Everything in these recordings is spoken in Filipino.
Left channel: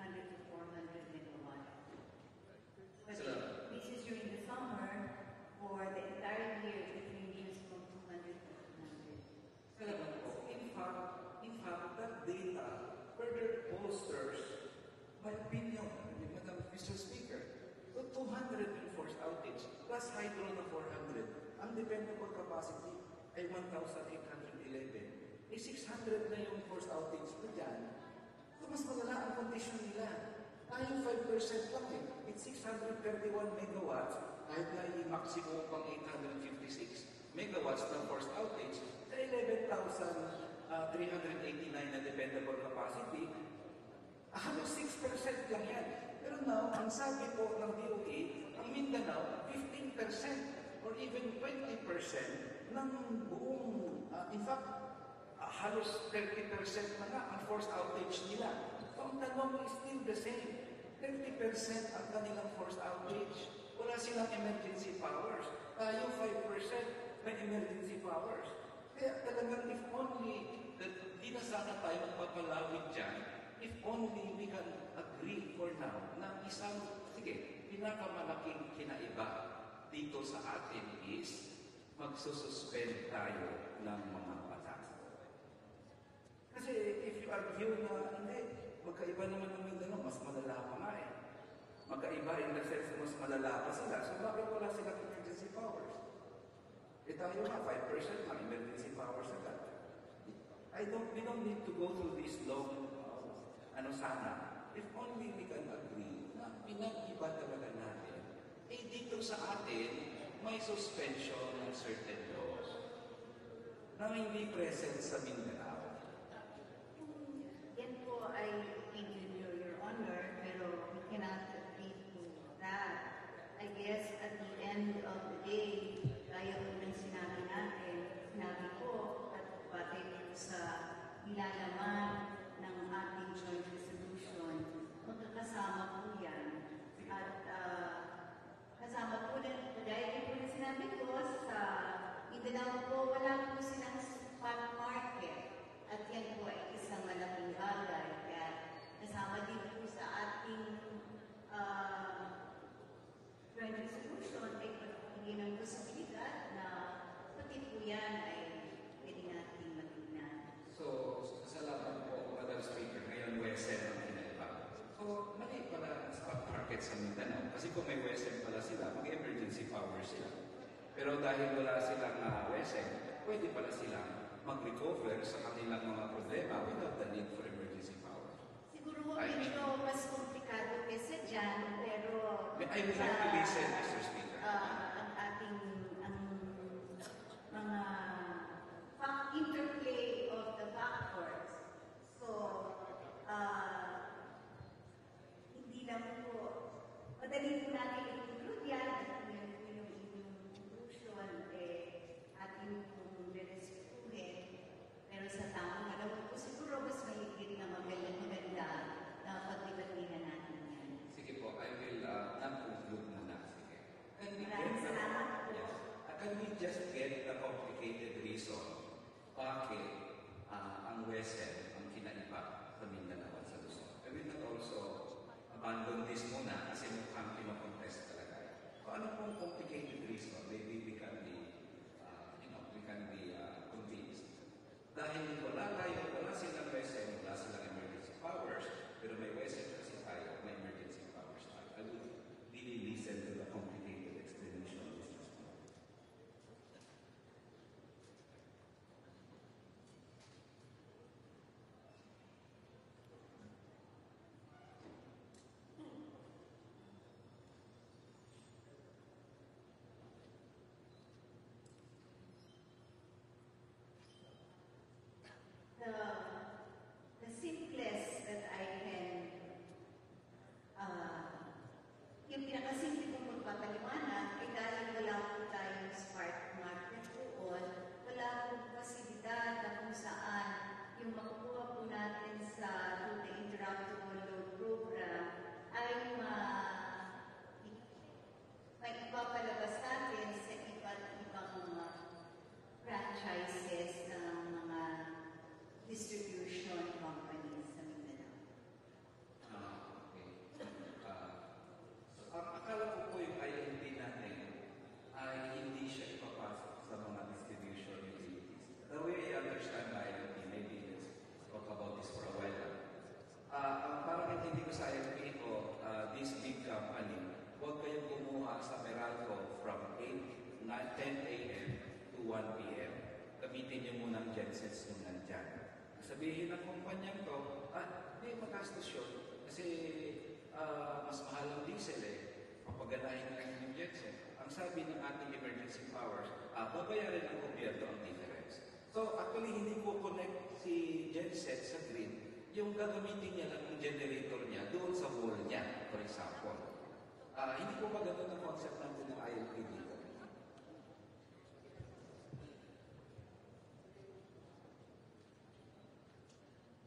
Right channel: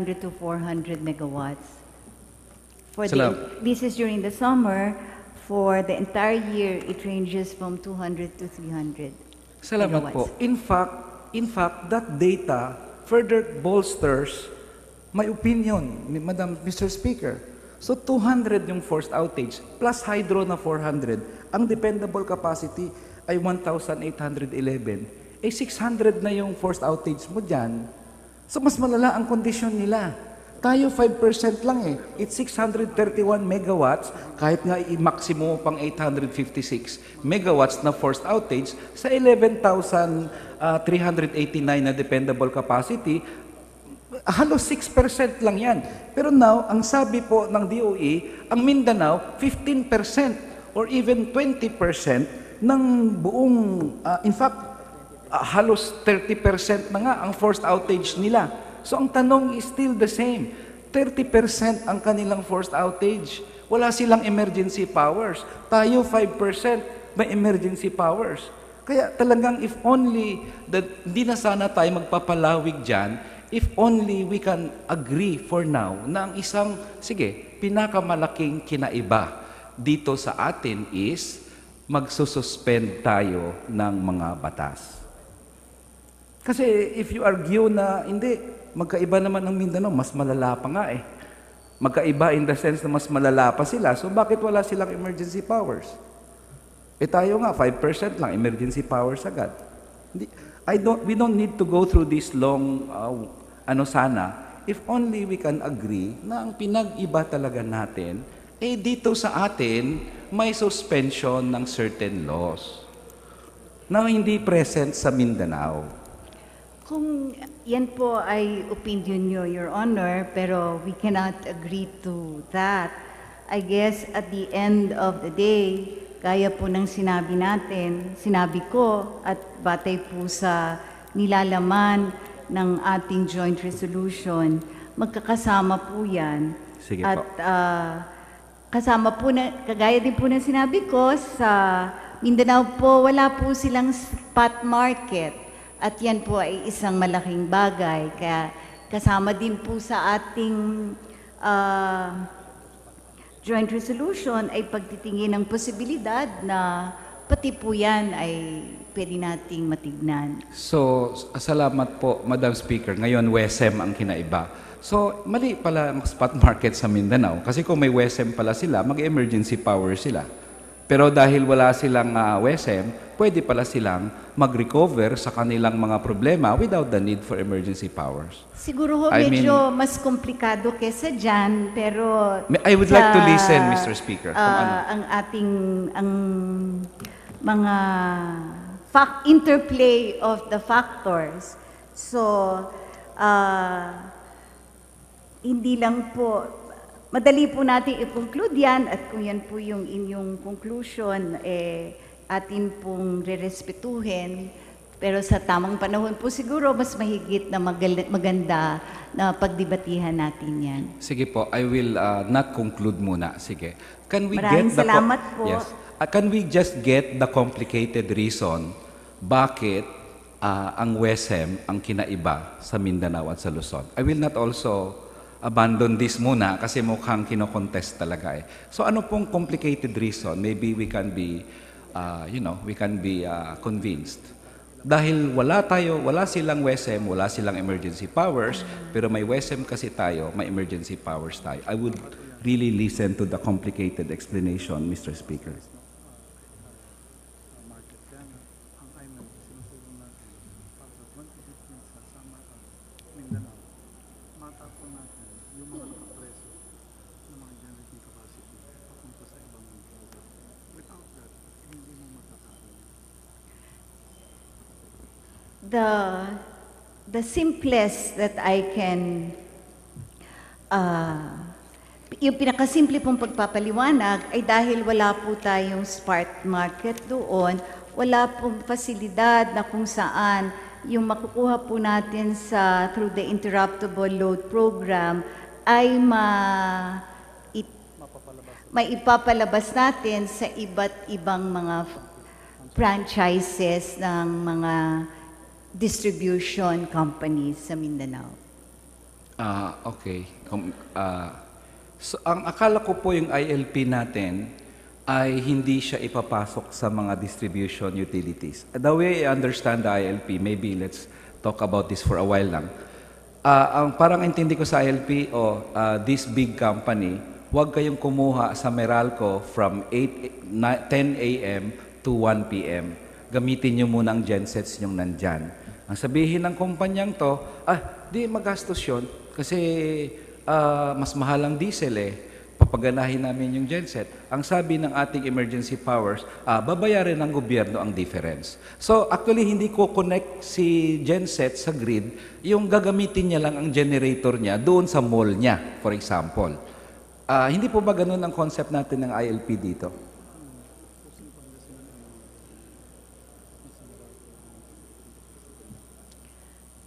300 to 400 megawatts. This is during the summer. For the entire year, it ranges from 200 to 300 Salamat po. megawatts. In fact, that data further bolsters my opinion, Madam Mr. Speaker. So 200 yung forced outage, plus hydro na 400. Ang dependable capacity ay 1,811. Eh 600 na yung forced outage mo dyan. So mas malala ang kondisyon nila. Tayo 5% lang eh. It's 631 megawatts, kahit nga i-maximum pang 856 megawatts na forced outage sa 11,389 na dependable capacity, halos 6% lang yan. Pero now, ang sabi po ng DOE, ang Mindanao, 15% or even 20% ng buong, in fact, halos 30% na nga ang forced outage nila. So ang tanong is still the same. 30% ang kanilang forced outage. Wala silang emergency powers. Tayo 5% may emergency powers. Kaya talagang if only, hindi na sana tayo magpapalawig dyan, if only we can agree for now na ang isang, pinakamalaking kinaiba dito sa atin is magsususpend tayo ng mga batas. Kasi if you argue na hindi, magkaiba naman ng Mindanao, mas malala pa nga eh. Magkaiba in the sense na mas malala pa sila, so bakit wala silang emergency powers? Eh tayo nga, 5% lang, emergency powers agad. We don't need to go through this long, if only we can agree na ang pinag-iba talaga natin, eh dito sa atin, may suspension ng certain laws na hindi present sa Mindanao. Kung yan po ay opinion nyo, Your Honor, pero we cannot agree to that. I guess at the end of the day, gaya po ng sinabi ko, at batay po sa nilalaman ng ating joint resolution, magkakasama po yan. Sige at po. Kasama po kagaya din po ng sinabi ko, sa Mindanao po, wala po silang spot market. At yan po ay isang malaking bagay. Kaya kasama din po sa ating joint resolution ay pagtitingin ng posibilidad na pati po yan ay pwede nating matignan. So, salamat po, Madam Speaker. Ngayon, WESM ang kinaiba. So, mali pala ang spot market sa Mindanao. Kasi kung may WESM pala sila, mag-emergency power sila. Pero dahil wala silang WESM, pwede pala silang mag-recover sa kanilang mga problema without the need for emergency powers. Siguro ho, medyo mas komplikado kesa dyan, pero... I would like to listen, Mr. Speaker. Ang ating mga interplay of the factors. So, hindi lang po, madali po natin i-conclude yan, at kung yan po yung inyong conclusion, atin pong rerespetuhin. Pero sa tamang panahon po siguro, mas mahigit na maganda na pagdebatihan natin yan. Sige po, I will not conclude muna. Sige. Maraming salamat po. Yes. Can we just get the complicated reason bakit ang WESM ang kinaiba sa Mindanao at sa Luzon? I will not also abandon this muna kasi mukhang kinokontest talaga eh. So ano pong complicated reason? Maybe we can be, convinced. Dahil wala silang WESM, wala silang emergency powers, pero may WESM kasi tayo, may emergency powers tayo. I would really listen to the complicated explanation, Mr. Speaker. The simplest that I can, yung pinakasimple pong pagpapaliwanag ay dahil wala po tayong spot market doon, wala pong fasilidad na kung saan yung makukuha po natin through the interruptible load program ay maipapalabas natin sa iba't ibang mga franchises ng mga distribution companies sa Mindanao. Okay. So, ang akala ko po yung ILP natin ay hindi siya ipapasok sa mga distribution utilities. The way I understand the ILP, maybe let's talk about this for a while lang. Ang parang intindi ko sa ILP, this big company, huwag kayong kumuha sa Meralco from 10 a.m. to 1 p.m. Gamitin nyo muna ang gensets nyong nandyan. Ang sabihin ng kumpanyang to, di magastos yun kasi mas mahal ang diesel papaganahin namin yung genset. Ang sabi ng ating emergency powers, babayarin ng gobyerno ang difference. So actually, hindi ko connect si genset sa grid, yung gagamitin niya lang ang generator niya doon sa mall niya, for example. Hindi po ba ganun ang concept natin ng ILP dito?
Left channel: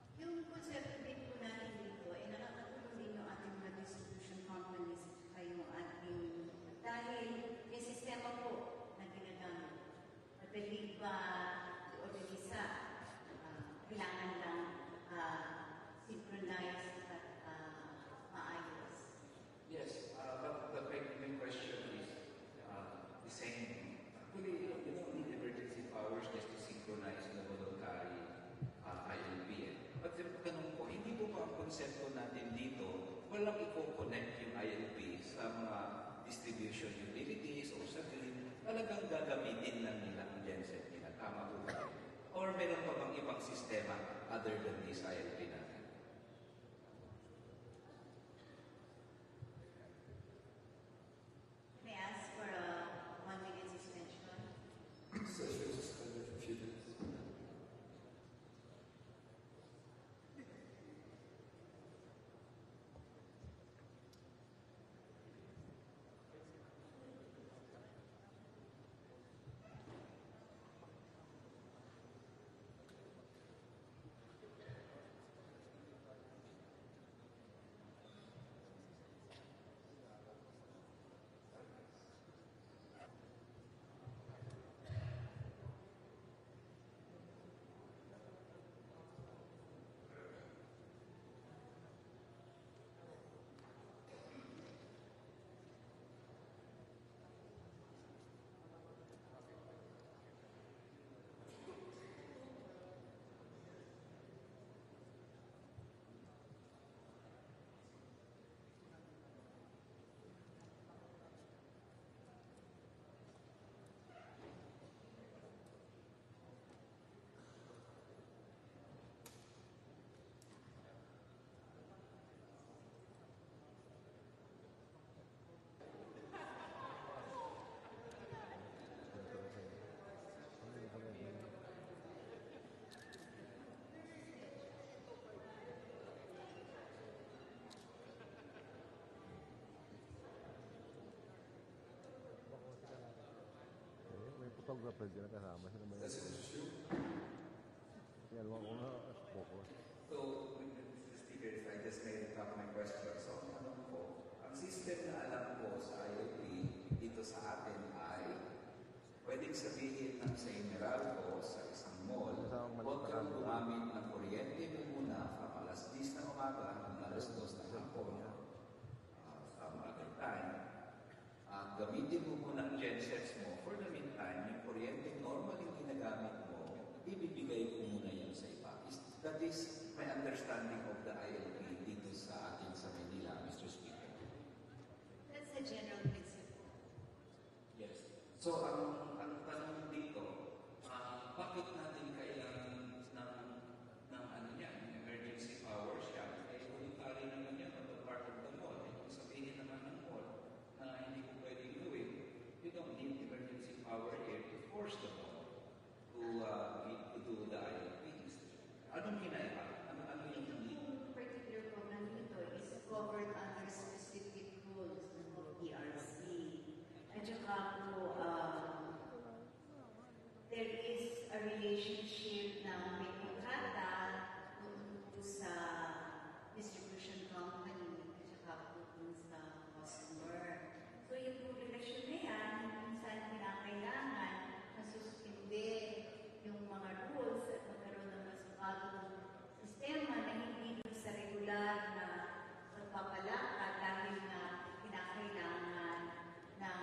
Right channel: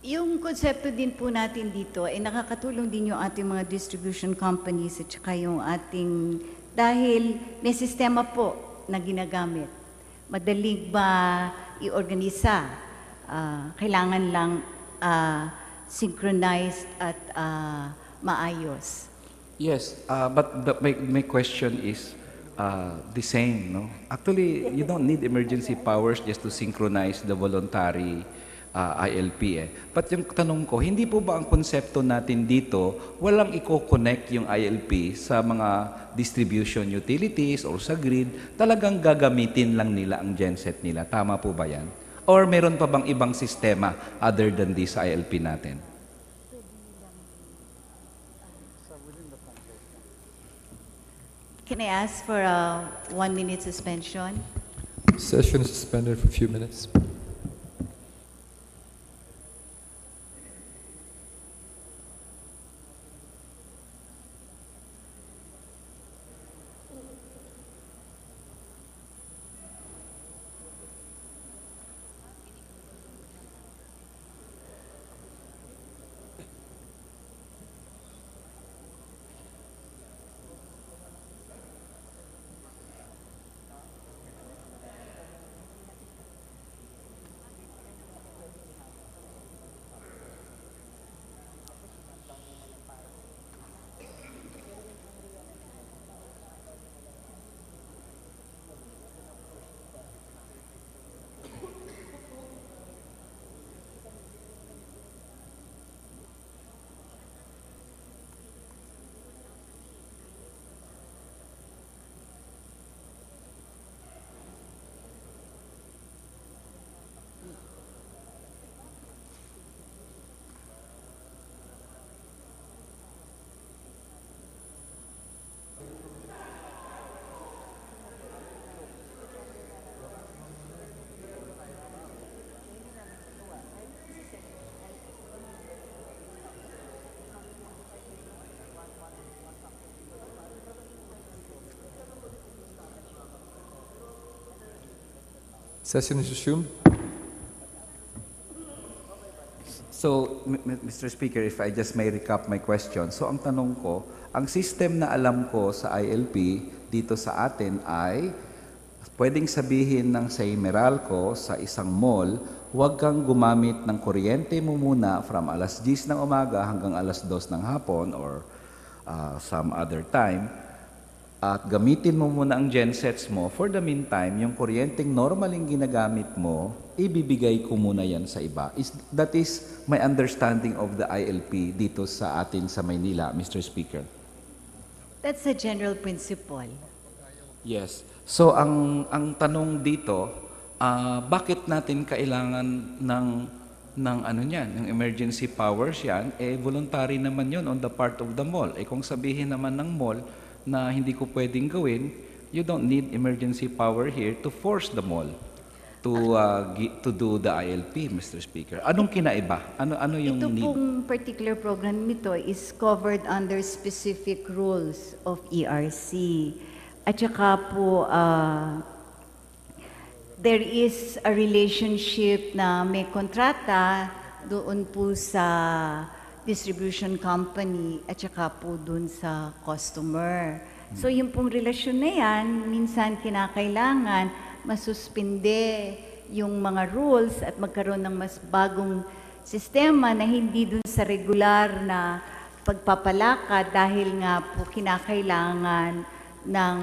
Yung konsepto din po natin dito ay nakakatulong din yung ating mga distribution companies at saka yung ating, dahil may sistema po na ginagamit. Madaling ba i-organisa? Kailangan lang synchronized at maayos. Yes, but my question is the same, no? Actually, you don't need emergency powers just to synchronize the voluntary ILP But yung tanong ko, hindi po ba ang konsepto natin dito, walang i-connect yung ILP sa mga distribution utilities or sa grid, talagang gagamitin lang nila ang genset nila. Tama po ba yan? Or meron pa bang ibang sistema other than this ILP natin? Can I ask for a 1-minute suspension? Session is suspended for a few minutes. Session is resumed. So, Mr. Speaker, if I just may recap my question. So, ang tanong ko, ang system na alam ko sa ILP dito sa atin ay pwedeng sabihin ng say Meralco sa isang mall, huwag kang gumamit ng kuryente mo muna from alas 10 ng umaga hanggang alas 2 ng hapon or some other time. At gamitin mo muna ang gensets mo. For the meantime, yung kuryenteng normaling ginagamit mo, ibibigay ko muna yan sa iba. That is my understanding of the ILP dito sa atin sa Maynila, Mr. Speaker. That's a general principle. Yes. So, ang tanong dito, bakit natin kailangan ng ano niyan, ng emergency powers yan? Voluntary naman yon on the part of the mall. Kung sabihin naman ng mall, na hindi ko pwedeng gawin, you don't need emergency power here to force the mall to do the ILP, Mr. Speaker. Anong kinaiba? Ano yung Ito need? pong particular program nito is covered under specific rules of ERC. At saka po, there is a relationship na may kontrata doon po sa distribution company at saka po dun sa customer. So yung pong relasyon na yan, minsan kinakailangan masuspinde yung mga rules at magkaroon ng mas bagong sistema na hindi dun sa regular na pagpapalakad dahil nga po kinakailangan ng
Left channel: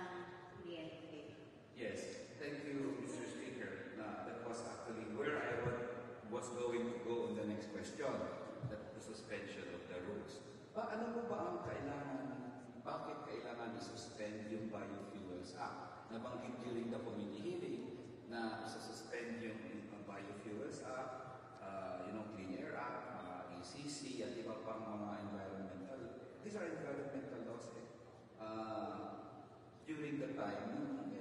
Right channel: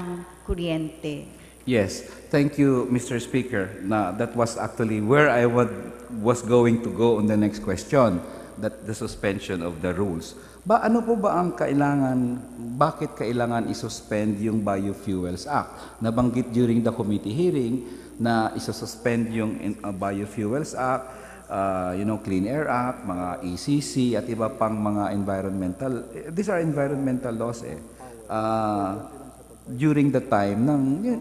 kuryente. Yes, thank you, Mr. Speaker. That was actually where was going to go on the next question, that the suspension of the rules. Ano po ba ang bakit kailangan isuspend yung Biofuels Act? Nabanggit during the committee hearing na isususpend yung Biofuels Act, Clean Air Act, mga ECC at iba pang mga environmental, these are environmental laws during the time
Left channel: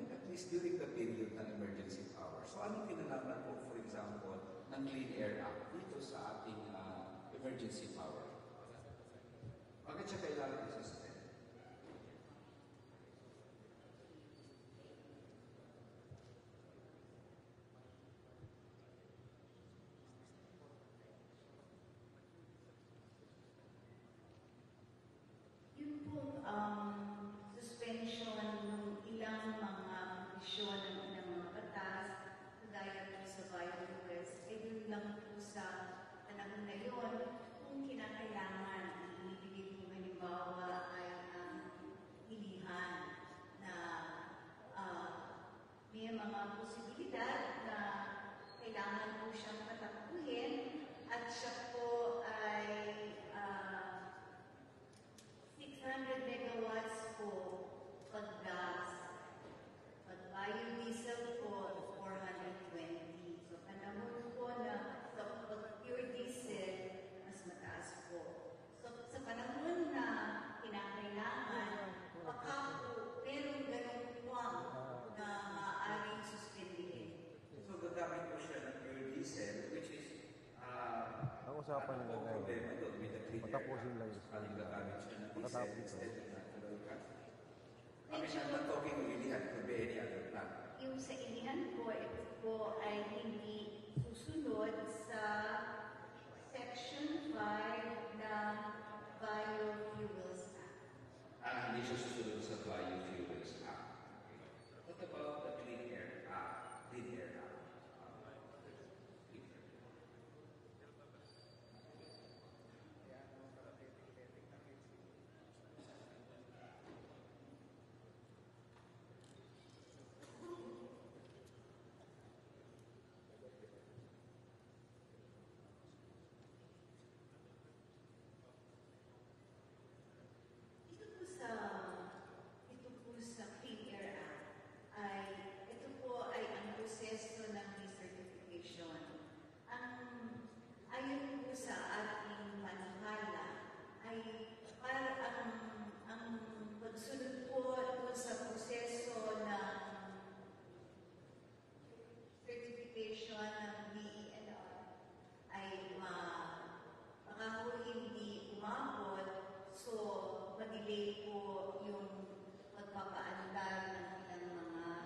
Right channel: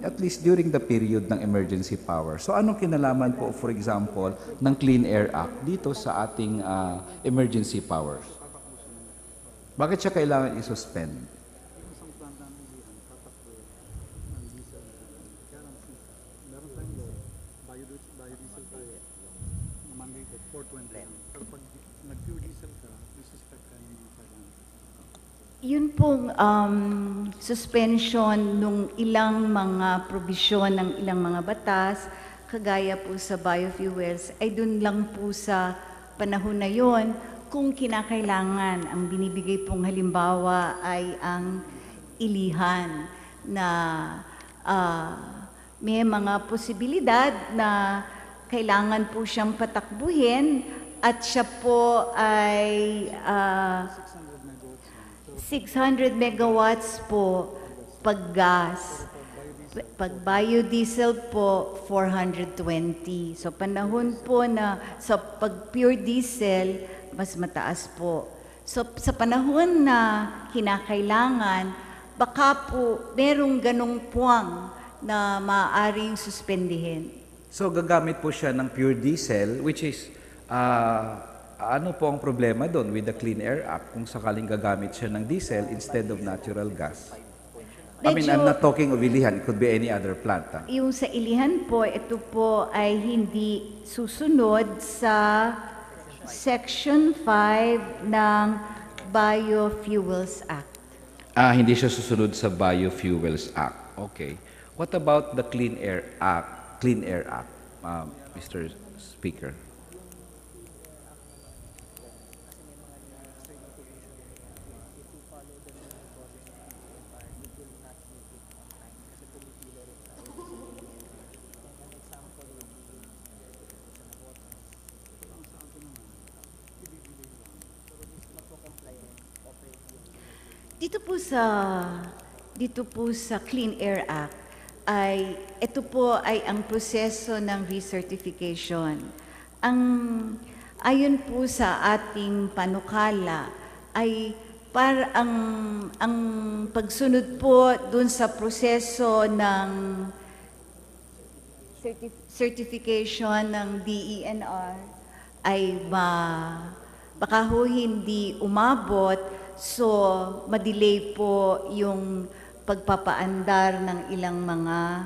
at least during the period ng emergency power. So anong kinalaman po, for example, ng Clean Air Act dito sa ating emergency powers? Bakit siya kailangan isuspend? Yun pong suspension nung ilang mga probisyon ng ilang mga batas, kagaya po sa biofuels, ay dun lang po sa panahon na yon kung kinakailangan. Ang binibigay pong halimbawa ay ang ilihan na may mga posibilidad na kailangan po siyang patakbuhin at siya po ay 600 megawatts po pag gas. Pag biodiesel po, 420. So panahon po na sa pag pure diesel, mas mataas po. So sa panahon na kinakailangan, baka po merong ganong puwang na maaaring suspendihin. So gagamit po siya ng pure diesel, which is ano po ang problema doon with the Clean Air Act kung sakaling gagamit siya ng diesel instead of natural gas? I mean, I'm not talking of Ilihan. It could be any other plant. Yung sa Ilihan po, ito po ay hindi susunod sa Section 5 ng Biofuels Act. Hindi siya susunod sa Biofuels Act. Okay. What about the Clean Air Act, Mr. Speaker? Dito po sa Clean Air Act ay ito po ay ang proseso ng recertification. Ayon po sa ating panukala ay para ang pagsunod po dun sa proseso ng certification ng DENR ay baka ho hindi umabot. So, madelay po yung pagpapaandar ng ilang mga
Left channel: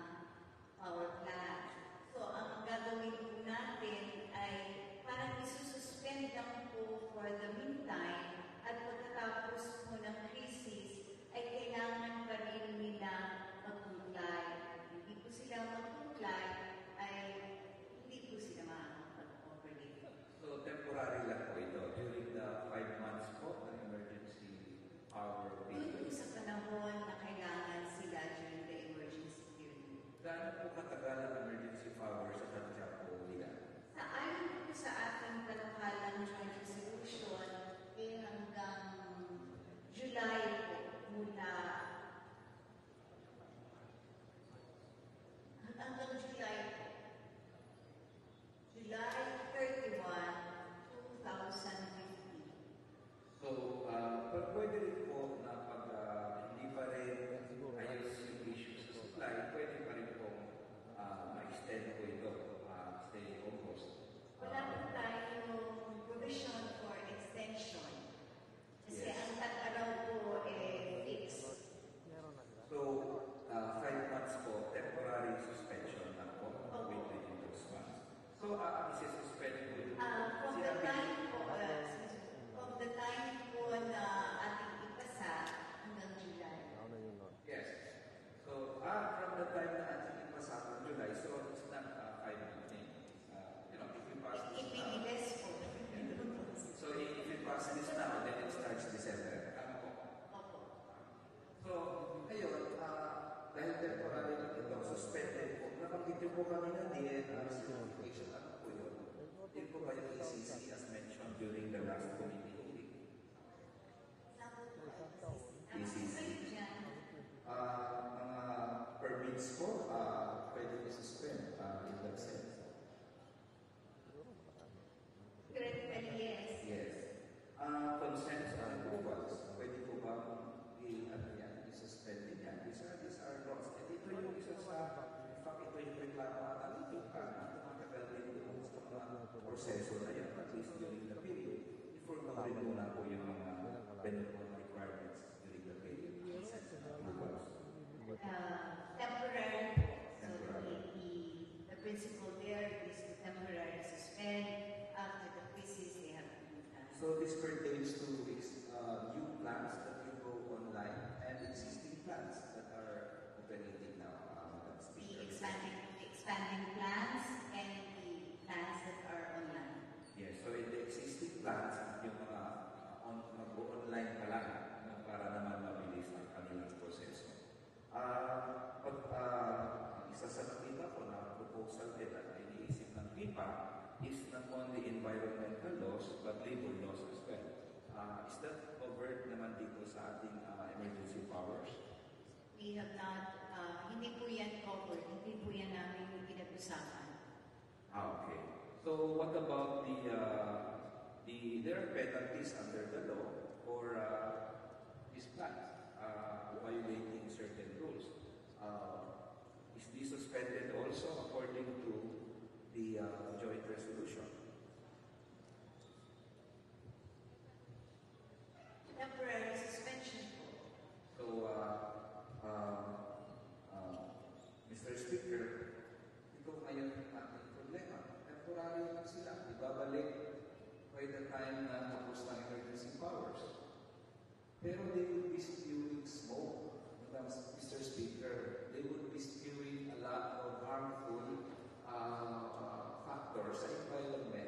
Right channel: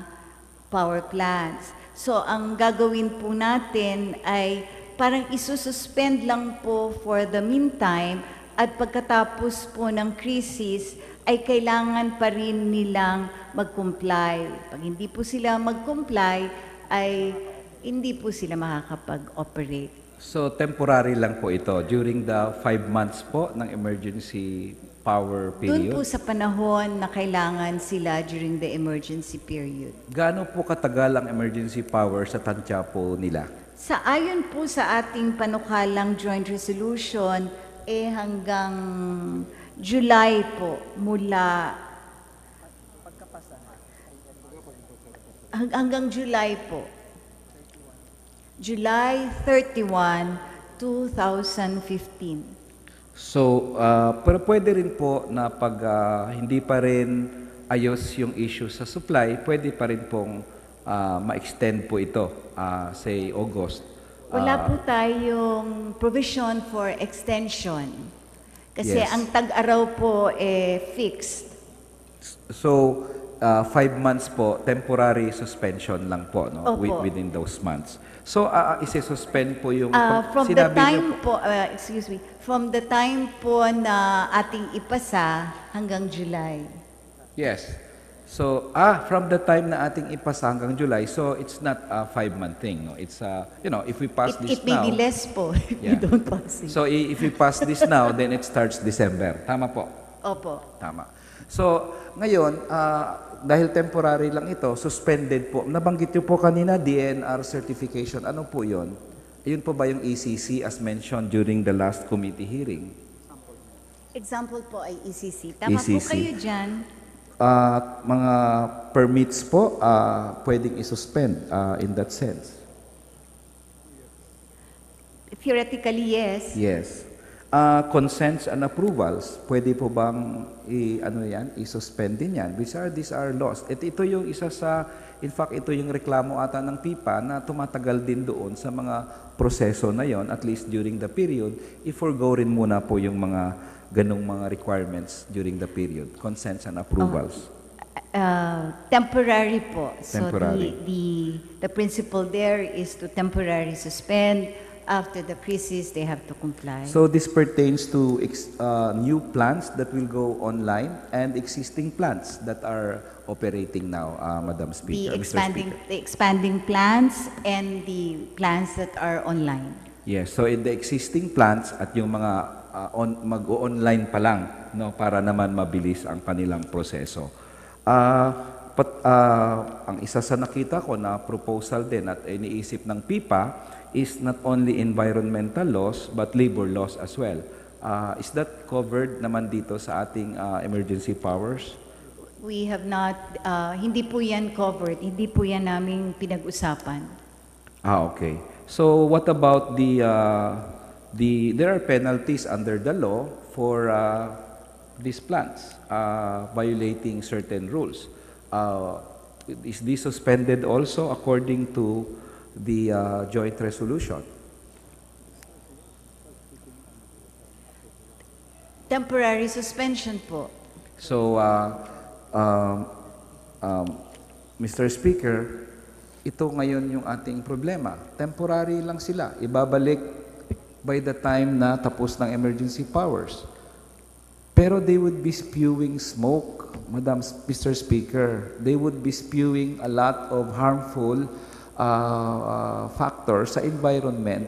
power plants. So, ang gagawin po natin ay parang isususpend lang po for the meantime at pagkatapos po ng crisis ay kailangan pa rin nilang mag-comply. Pag hindi po sila mag-comply, ay hindi po sila makakapag-operate. So, temporary lang po ito during the 5 months po ng emergency power period? Doon po sa panahon na kailangan sila during the emergency period. Gaano po katagal ang emergency power sa tansya po nila? Ayon po sa ating panukalang joint resolution, hanggang July po, hanggang July po. July 31, 2015. So, pero pwede rin po na pag hindi pa rin ayos yung issue sa supply, pwede pa rin pong ma-extend po ito, say August. Wala po tayong provision for extension. Kasi Yes. ang tag-araw po fixed. So, 5 months po, temporary suspension lang po, no? Opo. Within those months. So, isi-suspend po yung... From the sinabi time niyo po, from the time po na ating ipasa hanggang July. Yes. So, from the time na ating ipasa hanggang July, so it's not a 5-month thing. No? It's, if we pass this It may now, be less po if we Yeah. don't pass it. so if we pass this now, then it starts December. Tama po? Opo. Tama. So, ngayon, dahil temporary lang ito, suspended po. Nabanggit niyo po kanina, DNR certification. Ano po yon? Yun po ba yung ECC as mentioned during the last committee hearing? Example po ay ECC. Tama po ECC. kayo dyan. Mga permits po, pwedeng isuspend in that sense. Theoretically, yes. Yes. Consents and approvals, pwede po bang i-suspend din yan? These are laws. Ito yung isa sa, in fact, ito yung reklamo ata ng PIPA na tumatagal din doon sa mga proseso na yon, at least during the period, i-forgo rin muna po yung mga ganong mga requirements during the period, consents and approvals. Temporary po. Temporary. So the principle there is to temporarily suspend. After the crisis, they have to comply. So this pertains to new plants that will go online and existing plants that are operating now, Madam Speaker. Mr. Speaker. The expanding plans and the plans that are online. Yes, so in the existing plants at yung mga mag-online pa lang, no, para naman mabilis ang kanilang proseso. Ang isa sa nakita ko na proposal din at iniisip ng PIPA is not only environmental laws but labor laws as well. Is that covered naman dito sa ating emergency powers? We have not, hindi po yan covered, hindi po yan naming pinag-usapan. Okay. So what about there are penalties under the law for these plants violating certain rules. Is this suspended also according to the joint resolution? Temporary suspension po. So, Mr. Speaker, ito ngayon yung ating problema. Temporary lang sila. Ibabalik by the time na tapos ng emergency powers. Pero they would be spewing smoke, Mr. Speaker. They would be spewing a lot of harmful factors sa environment.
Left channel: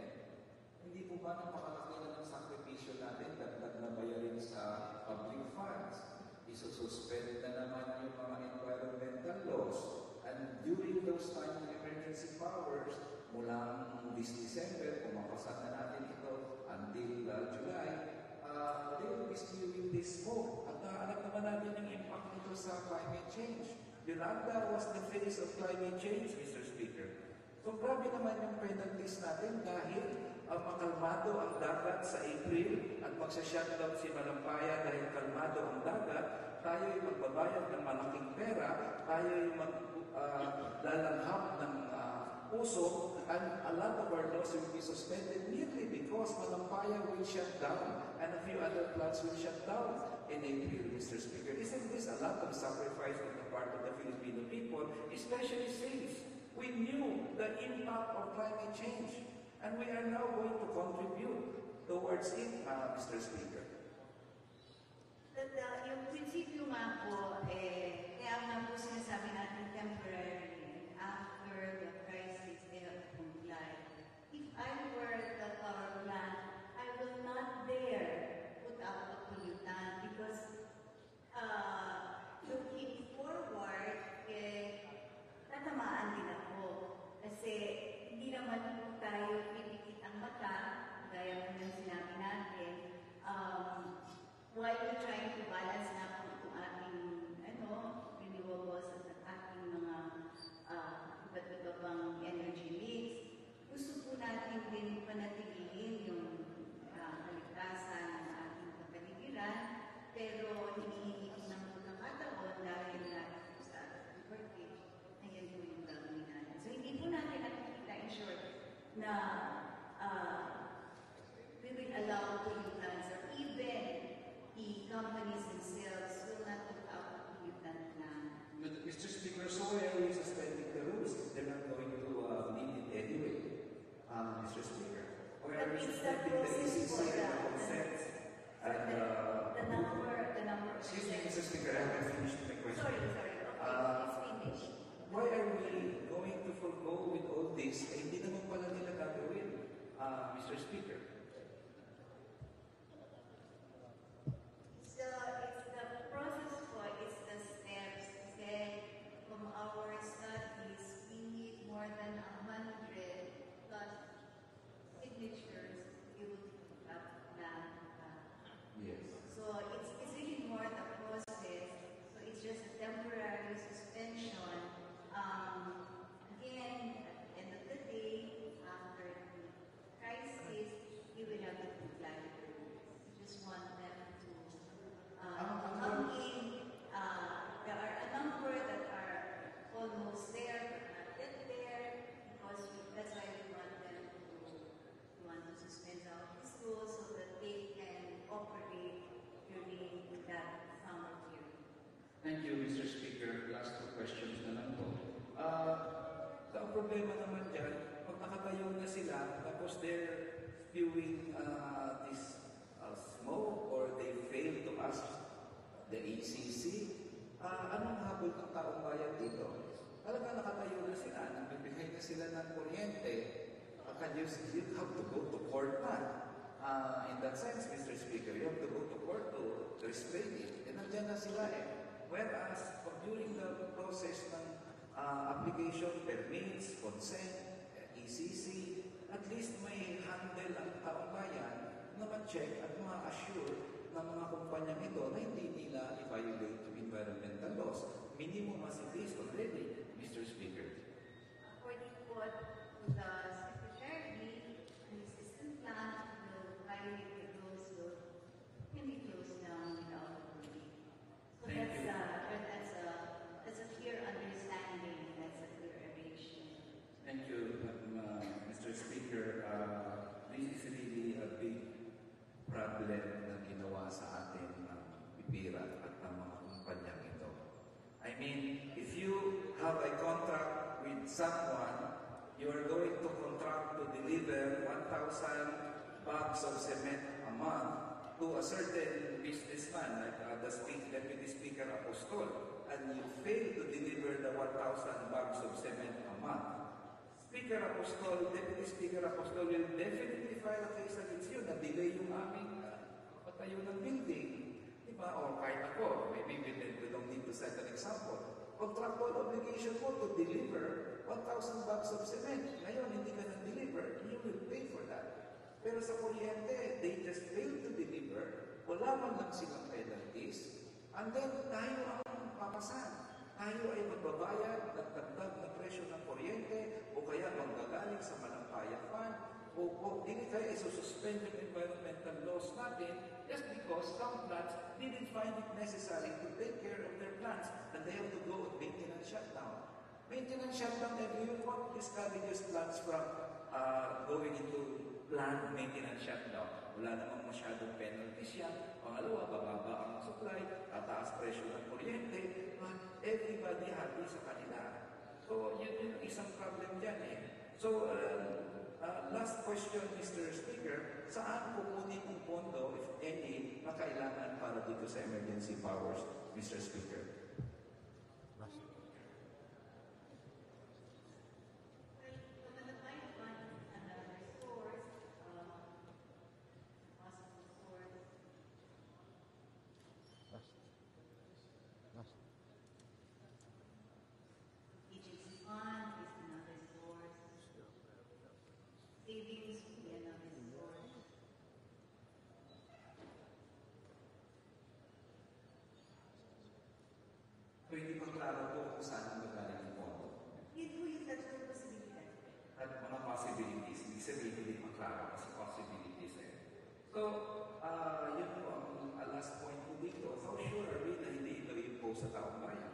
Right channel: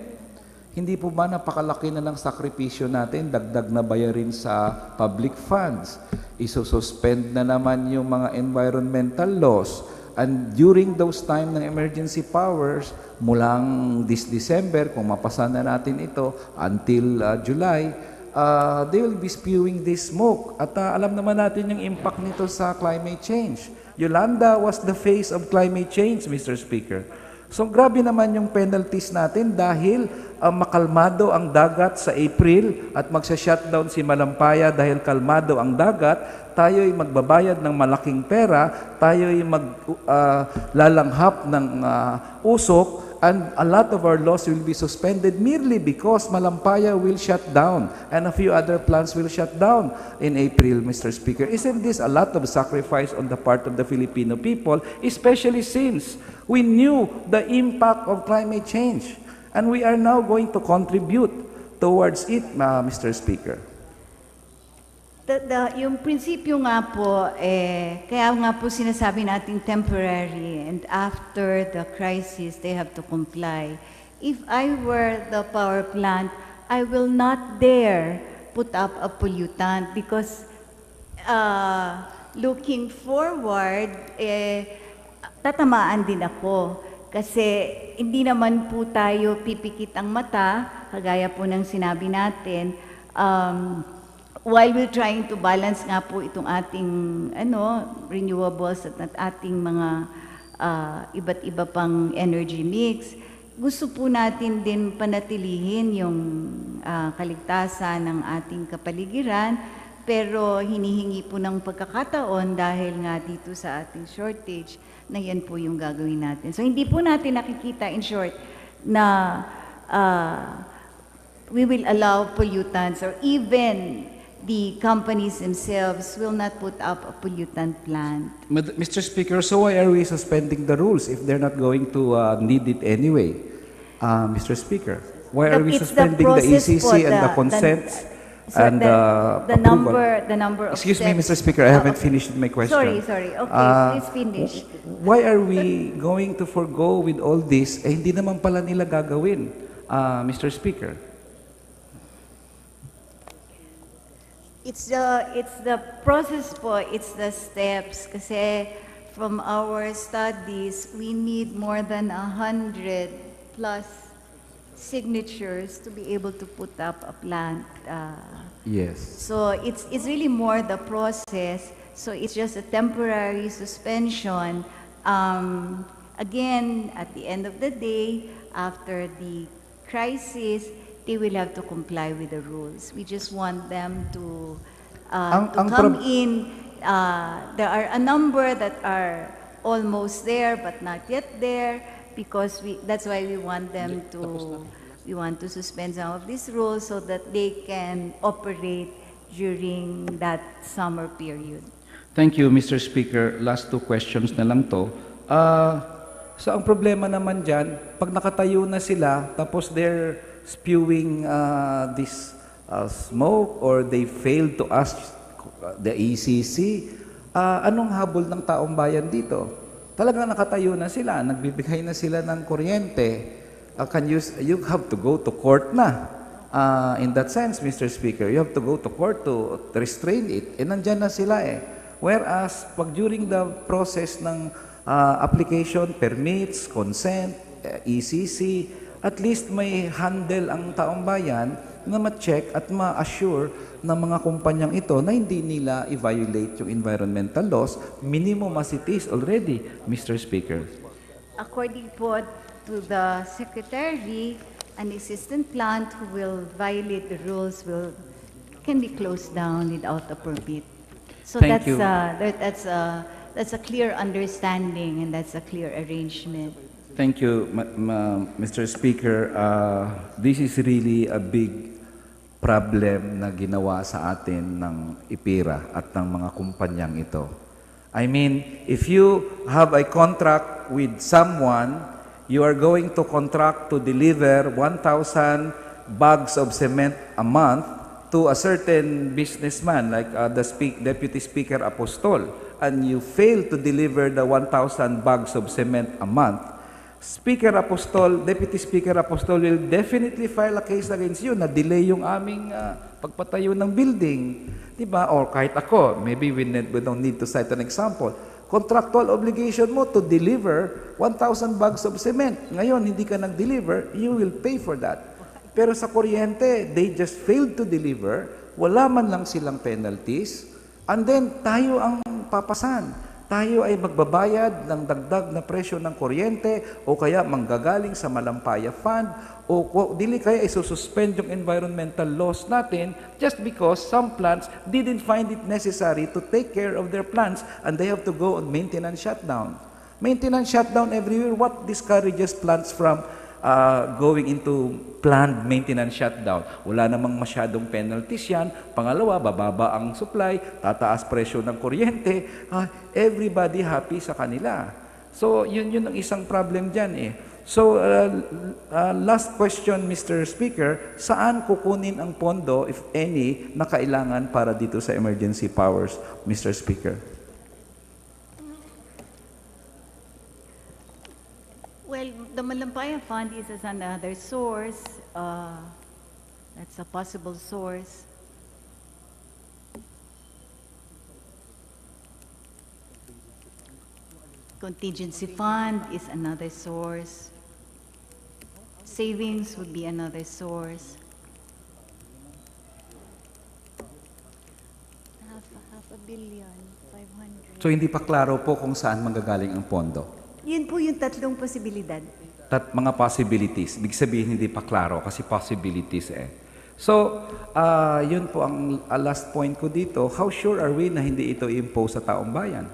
Hindi po ba napakalaki na ng sakripisyo natin, dagdag na bayarin sa public funds? Isususpend na naman yung mga environmental laws. And during those time ng emergency powers, mulang this December, kung mapasa na natin ito, until July, they will be spewing this smoke. At alam naman natin yung impact nito sa climate change. Yolanda was the face of climate change, Mr. Speaker. So grabe naman yung penalties natin dahil makalmado ang dagat sa April at magsa-shutdown si Malampaya dahil kalmado ang dagat, tayo'y magbabayad ng malaking pera, tayo'y maglalanghap ng usok, and a lot of our laws will be suspended merely because Malampaya will shut down and a few other plants will shut down in April, Mr. Speaker. Isn't this a lot of sacrifice on the part of the Filipino people, especially since we knew the impact of climate change and we are now going to contribute towards it, Mr. Speaker? Yung prinsipyo nga po, kaya nga po sinasabi natin temporary and after the crisis, they have to comply. If I were the power plant, I will not dare put up a pollutant because looking forward, tatamaan din ako. Kasi hindi naman po tayo pipikit ang mata, kagaya po ng sinabi natin, while we're trying to balance nga po itong ating renewables at ating mga iba't iba pang energy mix, gusto po natin din panatilihin yung kaligtasan ng ating kapaligiran, pero hinihingi po ng pagkakataon dahil nga dito sa ating shortage na yan po yung gagawin natin. So hindi po natin nakikita in short na we will allow pollutants or even the companies themselves will not put up a pollutant plant. Mr. Speaker, so why are we suspending the rules if they're not going to need it anyway? Mr. Speaker, why are we It's the suspending the process ECC po, and the consents So and the number of Excuse me, steps. Mr. Speaker, I Oh, haven't okay. finished my question. Sorry. Okay, please finish. Why are we going to forgo with all this? Eh, hindi naman pala nila gagawin, Mr. Speaker. It's the process po, it's the steps. Kasi from our studies, we need more than 100 plus signatures to be able to put up a plant. Yes. So it's really more the process. So it's just a temporary suspension. Again, at the end of the day, after the crisis, they will have to comply with the rules. We just want them to Ang come prob- in. There are a number that are almost there but not yet there because that's why we want them to suspend some of these rules so that they can operate during that summer period. Thank you, Mr. Speaker. Last two questions na lang to. So ang problema naman dyan, pag nakatayo na sila, tapos they're spewing this smoke or they failed to ask the ECC, anong habol ng taong bayan dito? Talagang nakatayo na sila, nagbibigay na sila ng kuryente. You have to go to court na. In that sense, Mr. Speaker, you have to go to court to restrain it. E nandyan na sila eh. Whereas, pag during the process ng application, permits, consent, ECC, at least may handle ang taong bayan na ma-check at ma-assure ng mga kumpanyang ito na hindi nila i-violate yung environmental laws, minimum as it is already, Mr. Speaker. According po to the Secretary, an existing plant who will violate the rules can be closed down without a permit. So Thank you. that's a clear understanding and that's a clear arrangement. Thank you, Mr. Speaker. This is really a big problem na ginawa sa atin ng IPIRA at ng mga kumpanyang ito. I mean, if you have a contract with someone, you are going to contract to deliver 1,000 bags of cement a month to a certain businessman like the Deputy Speaker Apostol, and you fail to deliver the 1,000 bags of cement a month, Speaker Apostol, Deputy Speaker Apostol will definitely file a case against you na delay yung aming pagpatayo ng building. Diba? Or kahit ako, maybe we don't need to cite an example. Contractual obligation mo to deliver 1,000 bags of cement. Ngayon, hindi ka nag-deliver, you will pay for that. Pero sa kuryente, they just failed to deliver, wala man lang silang penalties, and then tayo ang papasan. Tayo ay magbabayad ng dagdag na presyo ng kuryente o kaya manggagaling sa Malampaya Fund o dili kaya isususpend yung environmental laws natin just because some plants didn't find it necessary to take care of their plants and they have to go on maintenance shutdown. Maintenance shutdown everywhere, what discourages plants from going into planned maintenance shutdown? Wala namang masyadong penalties yan. Pangalawa, bababa ang supply, tataas presyo ng kuryente, everybody happy sa kanila. So, yun ang isang problem dyan eh. So, last question, Mr. Speaker, saan kukunin ang pondo, if any, na kailangan para dito sa emergency powers, Mr. Speaker? Well, the Malampaya Fund is as another source. That's a possible source. Contingency fund is another source. Savings would be another source. Half a billion, 500. So, hindi pa klaro po kung saan manggagaling ang pondo. Yun po yung tatlong posibilidad. Mga possibilities. Big sabihin, hindi pa klaro kasi possibilities eh. So, yun po ang last point ko dito. How sure are we na hindi ito i-impose sa taong bayan?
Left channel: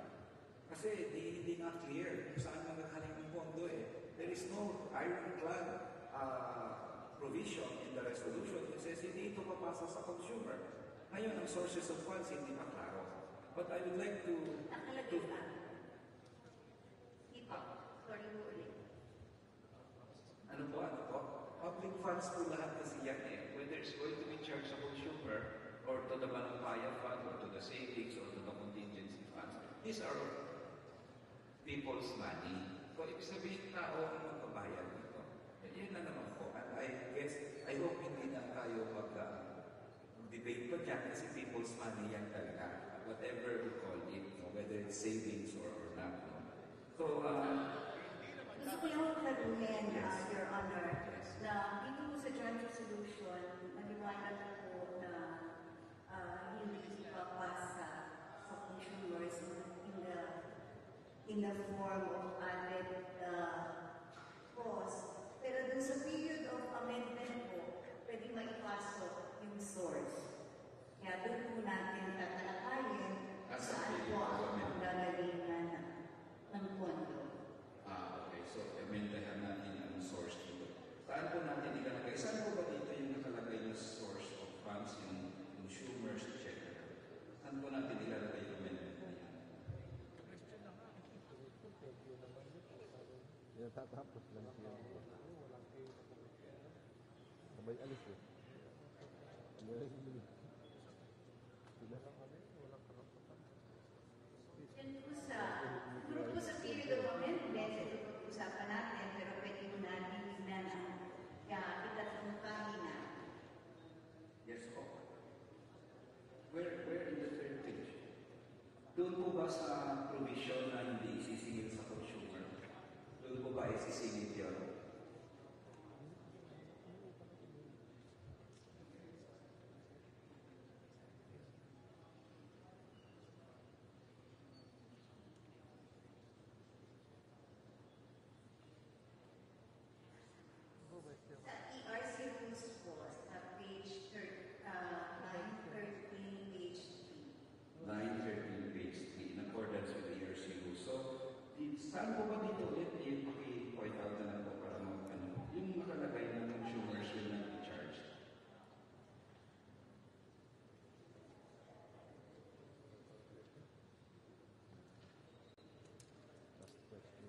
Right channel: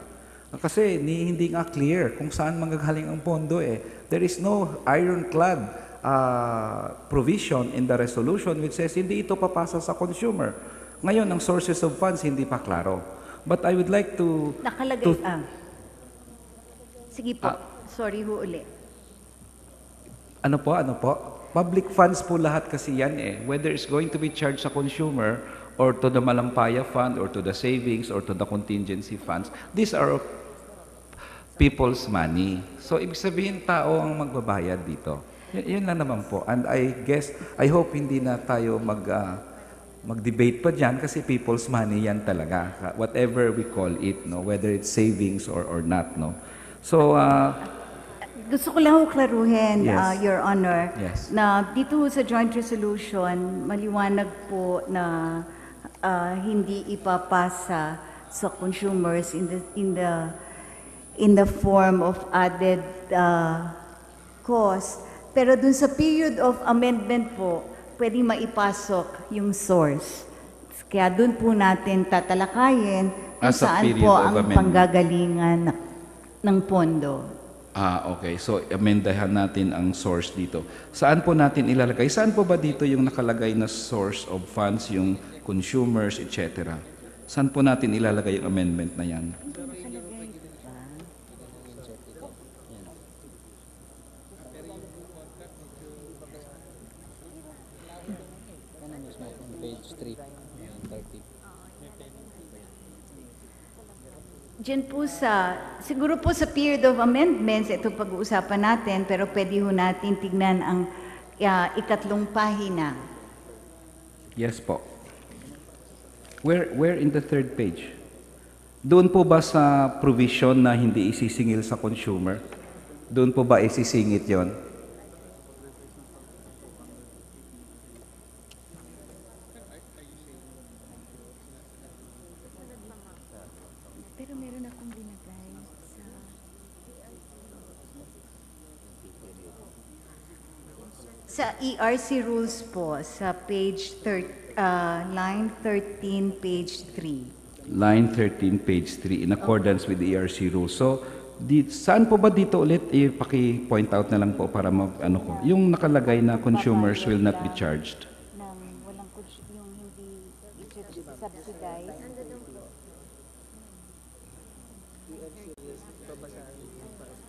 Kasi hindi nga clear kung saan manggagaling ang pondo eh. There is no ironclad provision in the resolution which says hindi ito papasa sa consumer. Ngayon, ang sources of funds hindi pa klaro. But I would like to... Nakalagay, Sige po, sorry ho uli. Ano po? Public funds po lahat kasi yan eh. Whether it's going to be charged sa consumer or to the Malampaya Fund or to the savings or to the contingency funds, these are people's money. So, ibig sabihin, tao ang magbabayad dito. Yun lang naman po. And I guess, I hope hindi na tayo mag-debate pa dyan kasi people's money yan talaga. Whatever we call it, no? Whether it's savings or not. No? So, Gusto ko lang ho klaruhin, Yes. Your Honor, Yes. na dito ho sa joint resolution, maliwanag po na hindi ipapasa sa consumers in the form of added cost. Pero dun sa period of amendment po, pwede maipasok yung source. Kaya dun po natin tatalakayin kung As a saan period po of ang amendment. panggagalingan ng pondo. Okay. So, amendahan natin ang source dito. Saan po natin ilalagay? Saan po ba dito yung nakalagay na source of funds, yung consumers, etc.? Saan po natin ilalagay yung amendment na yan? Diyan po siguro po sa period of amendments, ito pag-uusapan natin, pero pwede ho natin tignan ang ikatlong pahina. Yes po. Where in the third page? Doon po ba sa provision na hindi isisingil sa consumer? Doon po ba isisingit yon? Pero meron akong binagay sa ERC rules po, sa line 13, page 3. Line 13, page 3, in accordance with the ERC rules. So, saan po ba dito ulit? Paki-point out na lang po para ano ko. Yung nakalagay na consumers will not be charged. Nang walang yung hindi subsidized.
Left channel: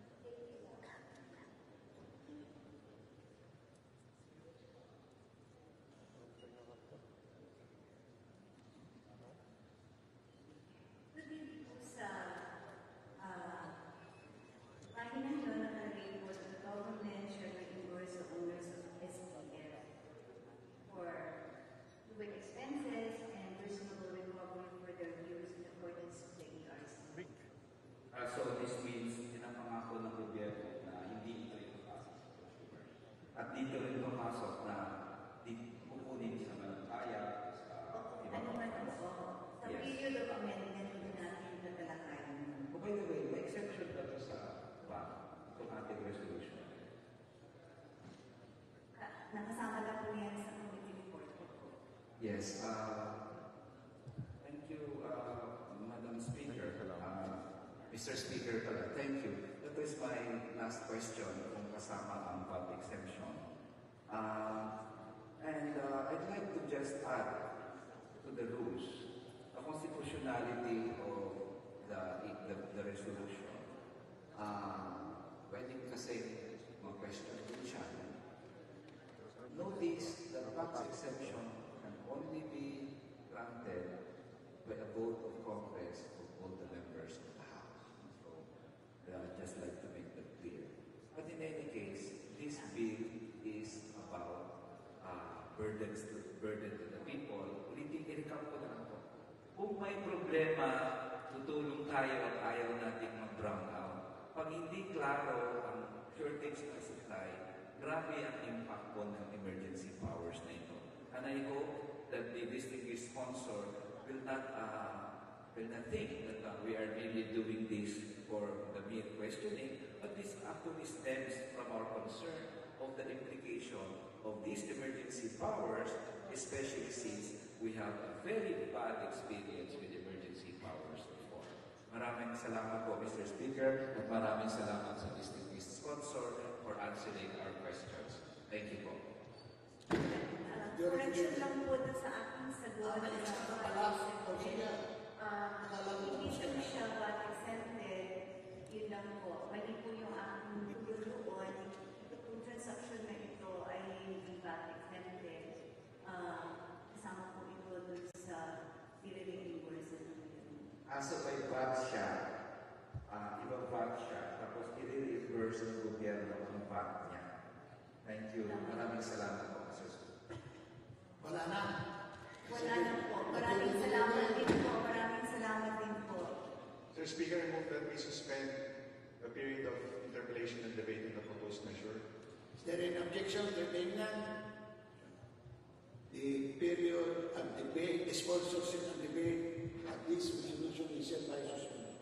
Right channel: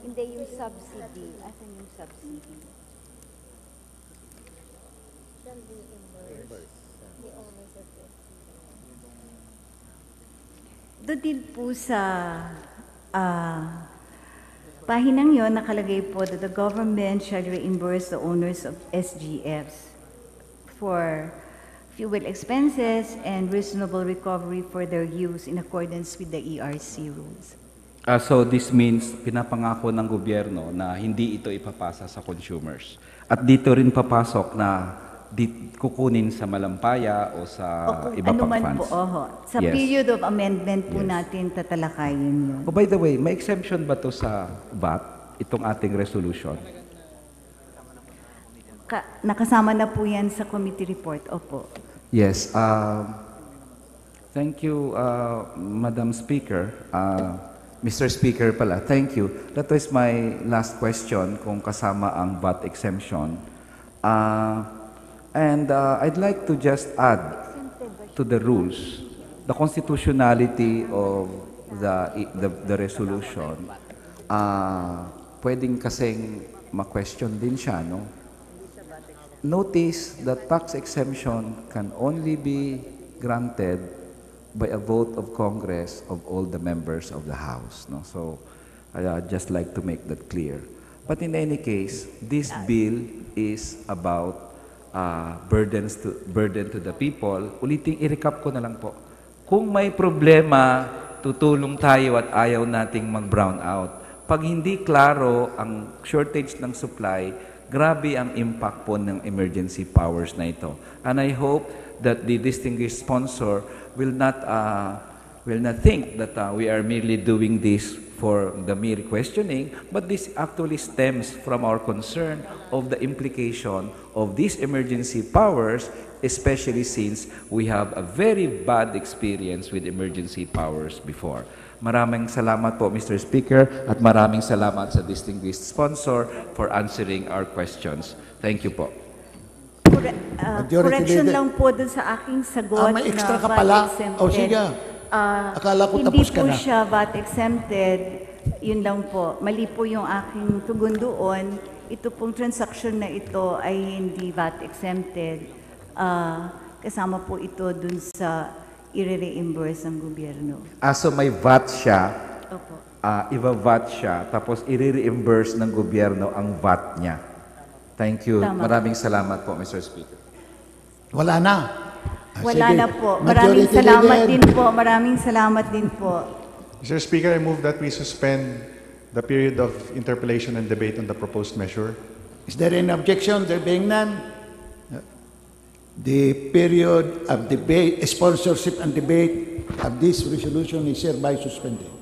Hindi yung subsidy. Asan yung subsidy? Doon din po sa pahinang yon nakalagay po that the government shall reimburse the owners of SGFs for fuel expenses and reasonable recovery for their use in accordance with the ERC rules. So this means pinapangako ng gobyerno na hindi ito ipapasa sa consumers. At dito rin papasok na kukunin sa Malampaya o sa iba pang funds. Sa Yes. period of amendment po Yes. natin tatalakayin yun. Oh, by the way, may exemption ba to sa VAT, itong ating resolution? Nakasama na po yan sa committee report. Opo. Yes. Thank you, Madam Speaker. Mr. Speaker pala, thank you. That was my last question kung kasama ang VAT exemption. And I'd like to just add to the rules, the constitutionality of the resolution. Pwedeng kasing ma-question din siya, no? Notice that tax exemption can only be granted by a vote of Congress of all the members of the House, no? So, I'd just like to make that clear. But in any case, this bill is about burden to the people. Ulitin, i-recap ko na lang po. Kung may problema, tutulong tayo at ayaw nating mag-brown out. Pag hindi klaro ang shortage ng supply, grabe ang impact po ng emergency powers na ito. And I hope that the distinguished sponsor will not think that we are merely doing this for the mere questioning, but this actually stems from our concern of the implication of these emergency powers, especially since we have a very bad experience with emergency powers before. Maraming salamat po, Mr. Speaker, at maraming salamat sa distinguished sponsor for answering our questions. Thank you po. Majority Correction Leader. lang po dun sa aking sagot may extra na ka VAT pala? exempted. O sige. Akala ko hindi tapos ka po na. siya VAT exempted. Yun lang po. Mali po yung aking tugon doon. Ito pong transaction na ito ay hindi VAT exempted. kasama po ito dun sa i-reimburse ng gobyerno. So may VAT siya, Opo. iba-VAT siya, tapos i-reimburse ng gobyerno ang VAT niya. Thank you. Tama. Maraming salamat po, Mr. Speaker. Wala na. Wala Sige. na po. Maraming Majority salamat Leader. din po. Maraming salamat din po. Mr. Speaker, I move that we suspend the period of interpellation and debate on the proposed measure. Is there any objection? There being none, the period of debate, sponsorship and debate of this resolution is hereby suspended.